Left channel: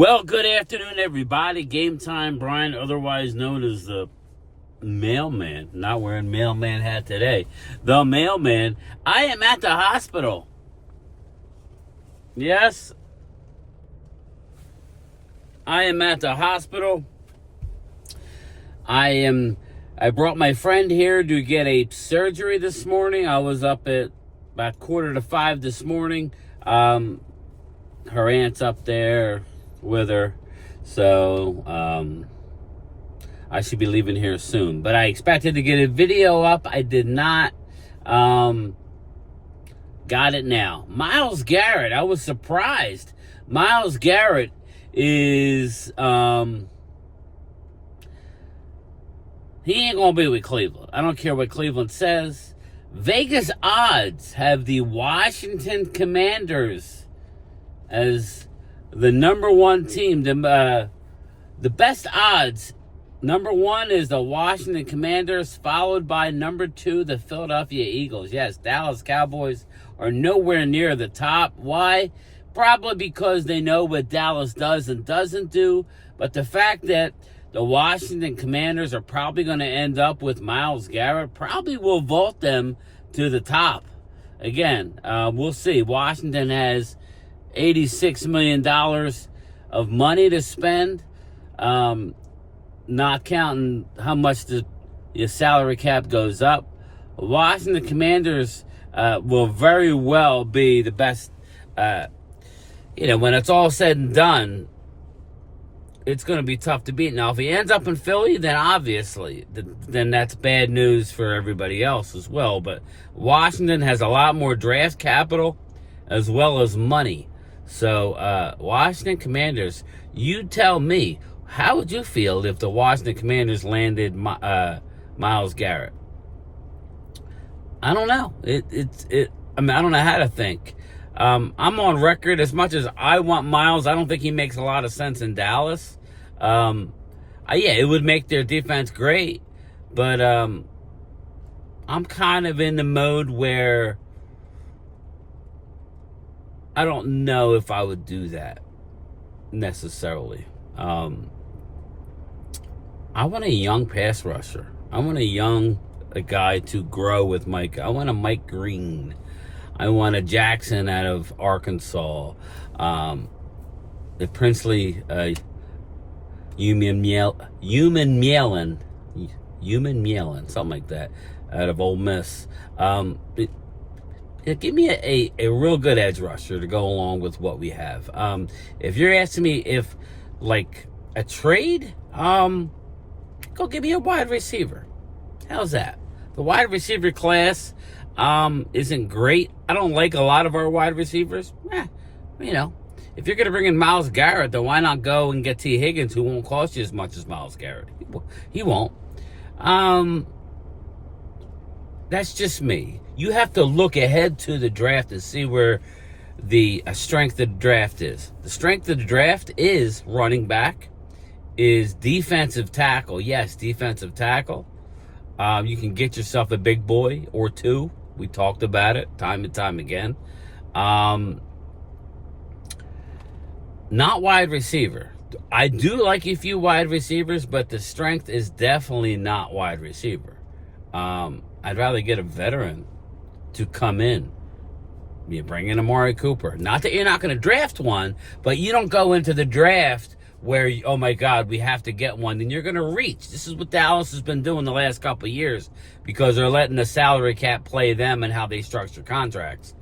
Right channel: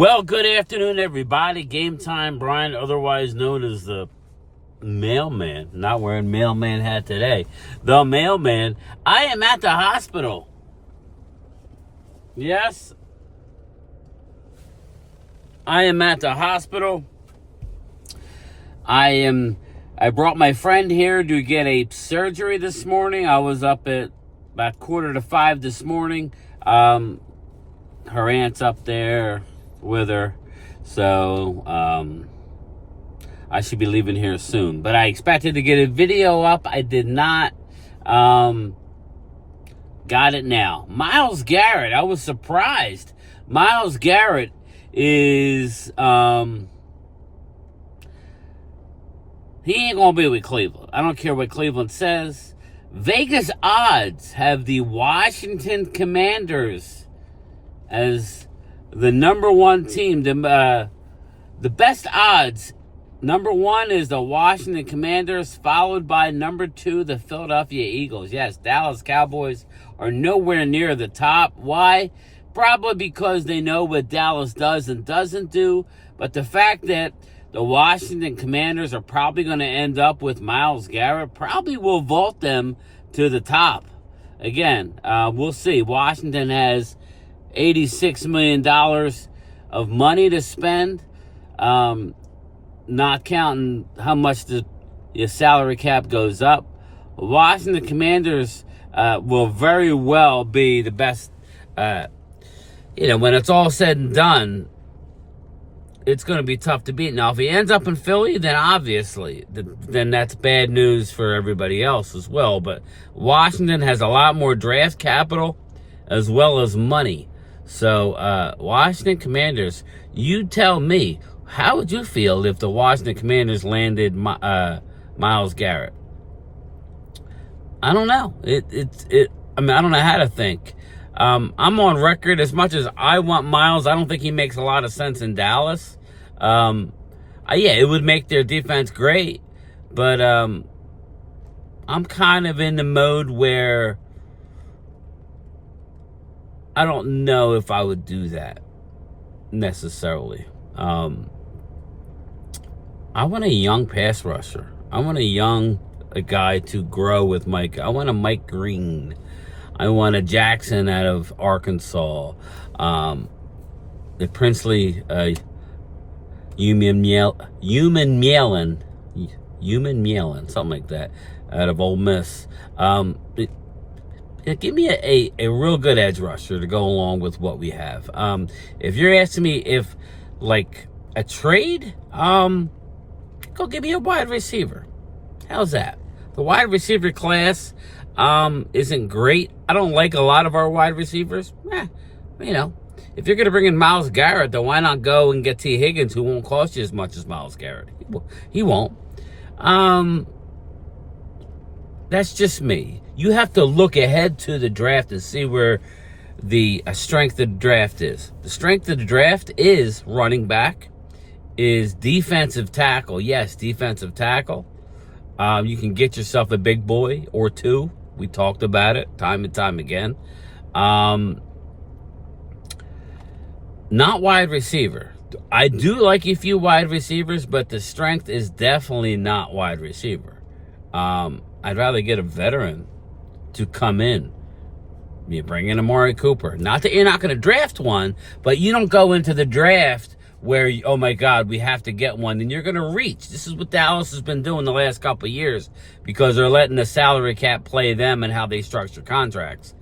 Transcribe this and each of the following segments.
Well, good afternoon, everybody. Game Time Brian, otherwise known as the mailman. Not wearing mailman hat today. The mailman. I am at the hospital. Yes, I am at the hospital. I brought my friend here to get a surgery this morning. I was up at about 4:45 this morning. Her aunt's up there with her, so I should be leaving here soon. But I expected to get a video up. I did not. Got it now. Miles Garrett, I was surprised. Miles Garrett is he ain't gonna be with Cleveland. I don't care what Cleveland says. Vegas odds have the Washington Commanders as the number one team. The best odds, number one is the Washington Commanders, followed by number two, the Philadelphia Eagles. Yes, Dallas Cowboys are nowhere near the top. Why? Probably because they know what Dallas does and doesn't do. But the fact that the Washington Commanders are probably going to end up with Miles Garrett probably will vault them to the top. Again, we'll see. Washington has $86 million of money to spend, not counting how much your salary cap goes up. Washington Commanders will very well be the best. When it's all said and done, it's going to be tough to beat. Now, if he ends up in Philly, then obviously, then that's bad news for everybody else as well. But Washington has a lot more draft capital as well as money. So, Washington Commanders, you tell me, how would you feel if the Washington Commanders landed Miles Garrett? I don't know. I don't know how to think. I'm on record, as much as I want Miles, I don't think he makes a lot of sense in Dallas. It would make their defense great, but I'm kind of in the mode where I don't know if I would do that necessarily. I want a young pass rusher. I want a guy to grow with Mike. I want a Mike Green. I want a Jackson out of Arkansas. The Princely Human Mielin, something like that, out of Ole Miss. Give me a real good edge rusher to go along with what we have. If you're asking me if, like, a trade, go give me a wide receiver. How's that? The wide receiver class isn't great. I don't like a lot of our wide receivers. If you're going to bring in Miles Garrett, then why not go and get T. Higgins, who won't cost you as much as Miles Garrett? He won't. That's just me. You have to look ahead to the draft and see where the strength of the draft is. The strength of the draft is running back, is defensive tackle. Yes, defensive tackle. You can get yourself a big boy or two. We talked about it time and time again. Not wide receiver. I do like a few wide receivers, but the strength is definitely not wide receiver. I'd rather get a veteran to come in. You bring in Amari Cooper. Not that you're not going to draft one, but you don't go into the draft where, oh my God, we have to get one, and you're going to reach. This is what Dallas has been doing the last couple of years because they're letting the salary cap play them and how they structure contracts.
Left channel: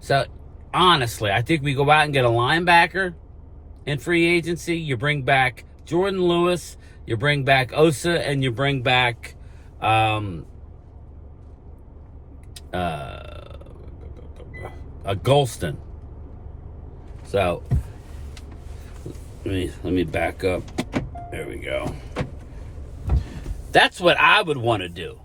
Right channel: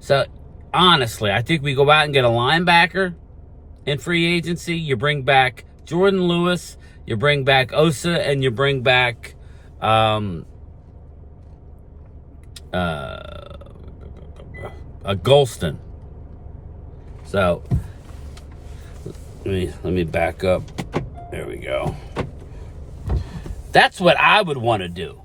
So, honestly, I think we go out and get a linebacker in free agency. You bring back Jordan Lewis, you bring back Osa, and you bring back a Golston. So let me back up. There we go. That's what I would want to do.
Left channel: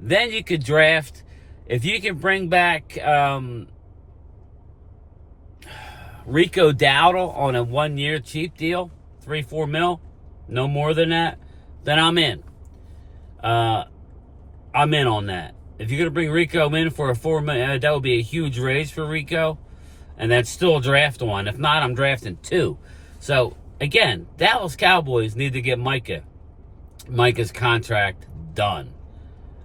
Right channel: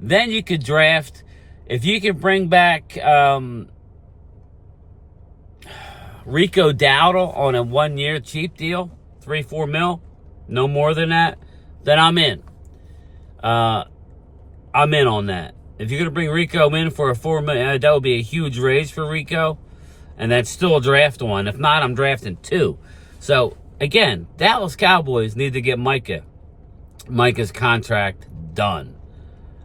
Then you could draft, if you can bring back Rico Dowdle on a 1-year cheap deal, 3-4 mil, no more than that, then I'm in. I'm in on that. If you're going to bring Rico in for a $4 million, that would be a huge raise for Rico. and then still draft one. If not, I'm drafting 2. So, again, Dallas Cowboys need to get Micah's contract done.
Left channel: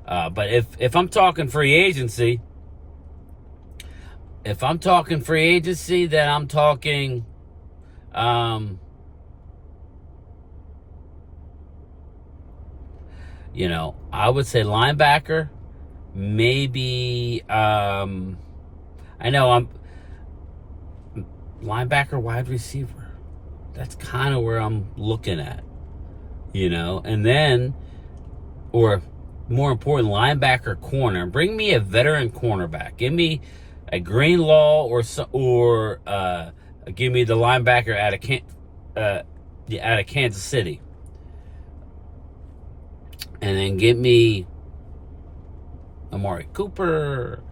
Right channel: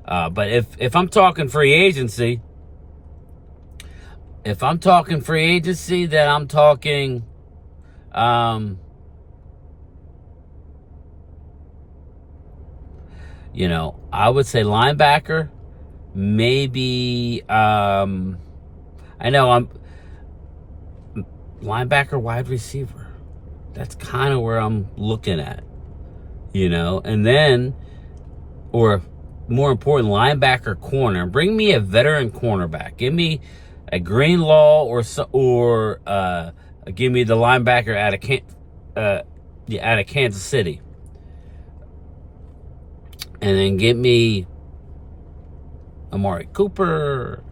But if I'm talking free agency, then I'm talking, I would say linebacker, maybe, I know I'm linebacker, wide receiver. That's kind of where I'm looking at, and then, or more important, linebacker, corner. Bring me a veteran cornerback. Give me a Greenlaw or give me the linebacker out of Kansas City, and then give me Amari Cooper,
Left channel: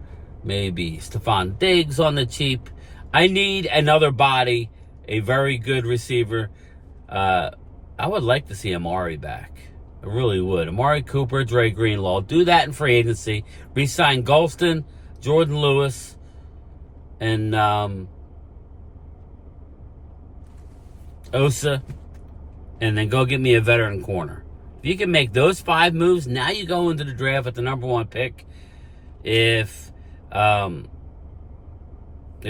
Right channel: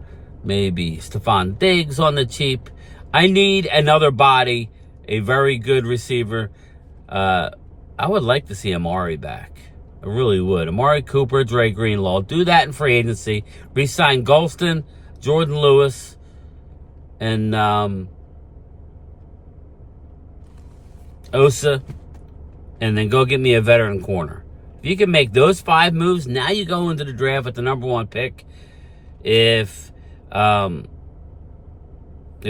maybe Stephon Diggs on the cheap. I need another body, a very good receiver. I would like to see Amari back. I really would. Amari Cooper, Dre Greenlaw. Do that in free agency. Re-sign Golston, Jordan Lewis, and Osa, and then go get me a veteran corner. If you can make those 5 moves, now you go into the draft with the number 1 pick. If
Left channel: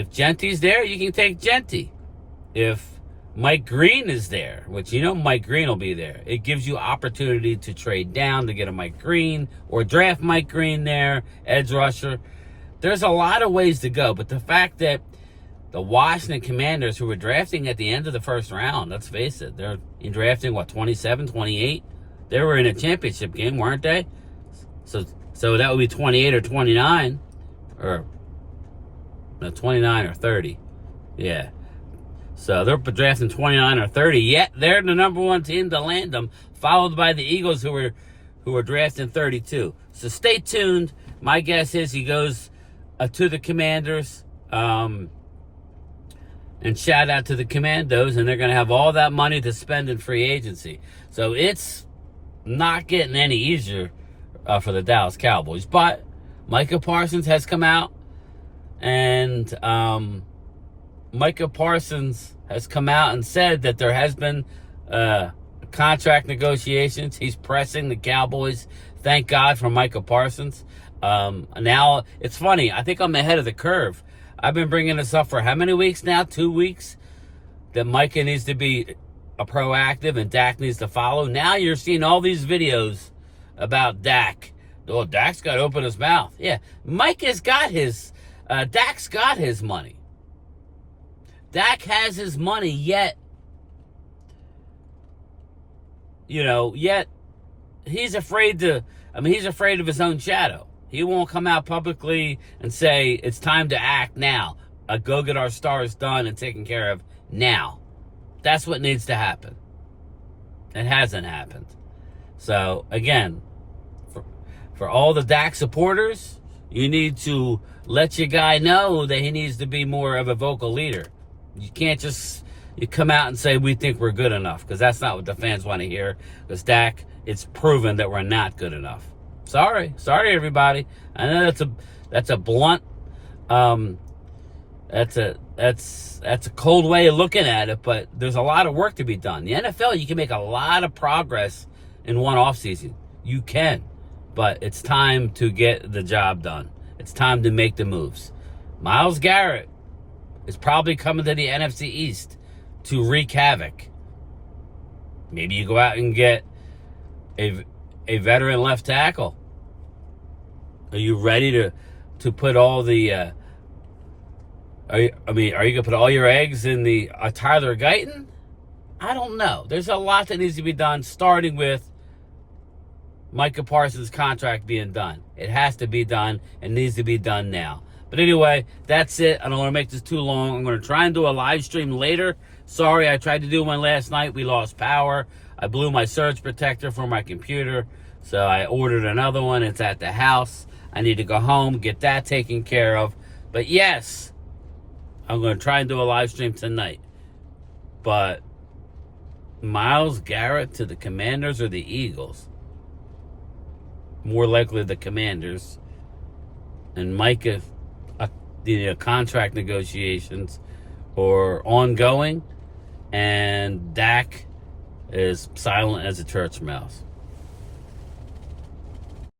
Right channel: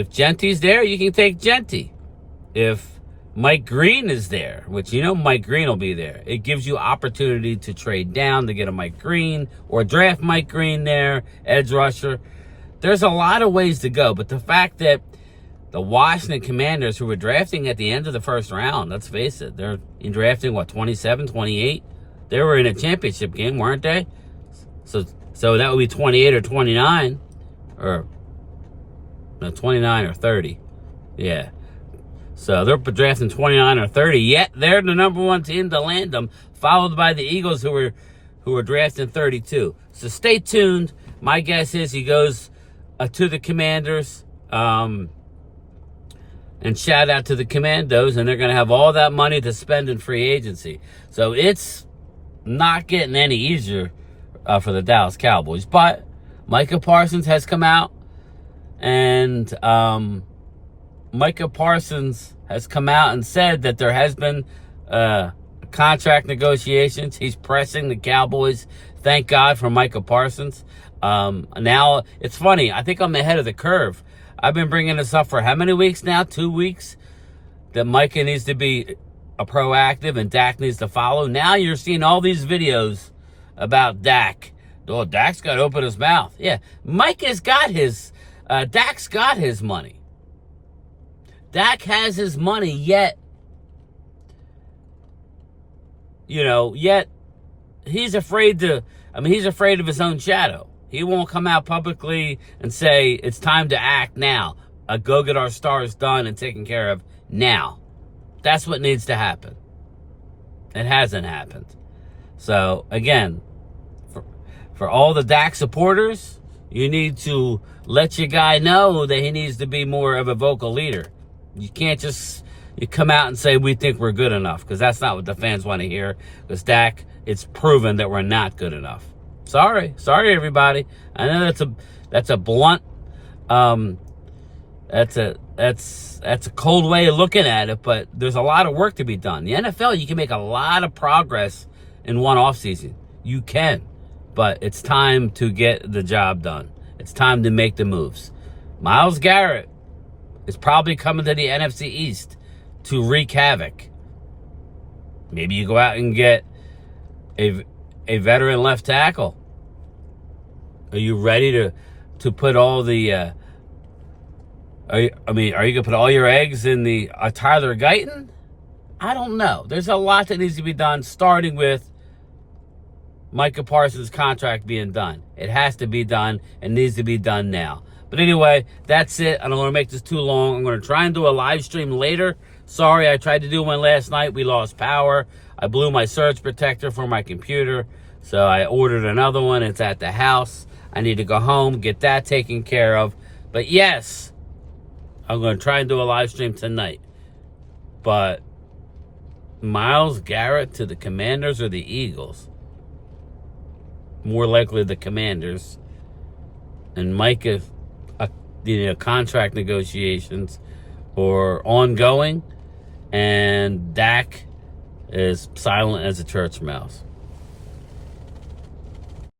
Gentry's there, you can take Gentry. If Mike Green is there, which Mike Green will be there, it gives you opportunity to trade down to get a Mike Green or draft Mike Green there, edge rusher. There's a lot of ways to go, but the fact that the Washington Commanders, who were drafting at the end of the first round, let's face it, they're drafting, 27, 28? They were in a championship game, weren't they? So that would be 28 or 29, or 29 or 30. Yeah. So they're drafting 29 or 30, yet they're the number 1 team to land them, followed by the Eagles, who are drafting 32. So stay tuned. My guess is he goes to the Commanders, and shout out to the Commandos, and they're going to have all that money to spend in free agency. So it's not getting any easier for the Dallas Cowboys. But Micah Parsons has come out, and Micah Parsons has come out and said that there has been contract negotiations. He's pressing the Cowboys. Thank God for Micah Parsons. Now, it's funny. I think I'm ahead of the curve. I've been bringing this up for how many weeks now? 2 weeks? That Micah needs to be proactive and Dak needs to follow. Now you're seeing all these videos about Dak. Oh, Dak's got to open his mouth. Yeah, Micah's got his... Dak's got his money. Dak has his money, yet he's afraid he's afraid of his own shadow. He won't come out publicly and say, it's time to act now. Go get our stars done and taken care of now. That's what needs to happen. It hasn't happened. So, again, for all the Dak supporters, you need to let your guy know that he needs to be more of a vocal leader. You can't just come out and say, we think we're good enough, because that's not what the fans want to hear. Because Dak, it's proven that we're not good enough. Sorry, everybody. I know that's a blunt, that's a cold way of looking at it, but there's a lot of work to be done. The NFL, you can make a lot of progress in one offseason. You can, but it's time to get the job done. It's time to make the moves. Miles Garrett is probably coming to the NFC East to wreak havoc. Maybe you go out and get a veteran left tackle. Are you ready to put all the... are you going to put all your eggs in the Tyler Guyton? I don't know. There's a lot that needs to be done, starting with Micah Parsons' contract being done. It has to be done and needs to be done now. But anyway, that's it. I don't want to make this too long. I'm going to try and do a live stream later. Sorry, I tried to do one last night. We lost power. I blew my surge protector for my computer, so I ordered another one. It's at the house. I need to go home, get that taken care of. But yes, I'm going to try and do a live stream tonight. But Miles Garrett to the Commanders or the Eagles? More likely the Commanders. And Micah, contract negotiations or ongoing, and Dak is silent as a church mouse.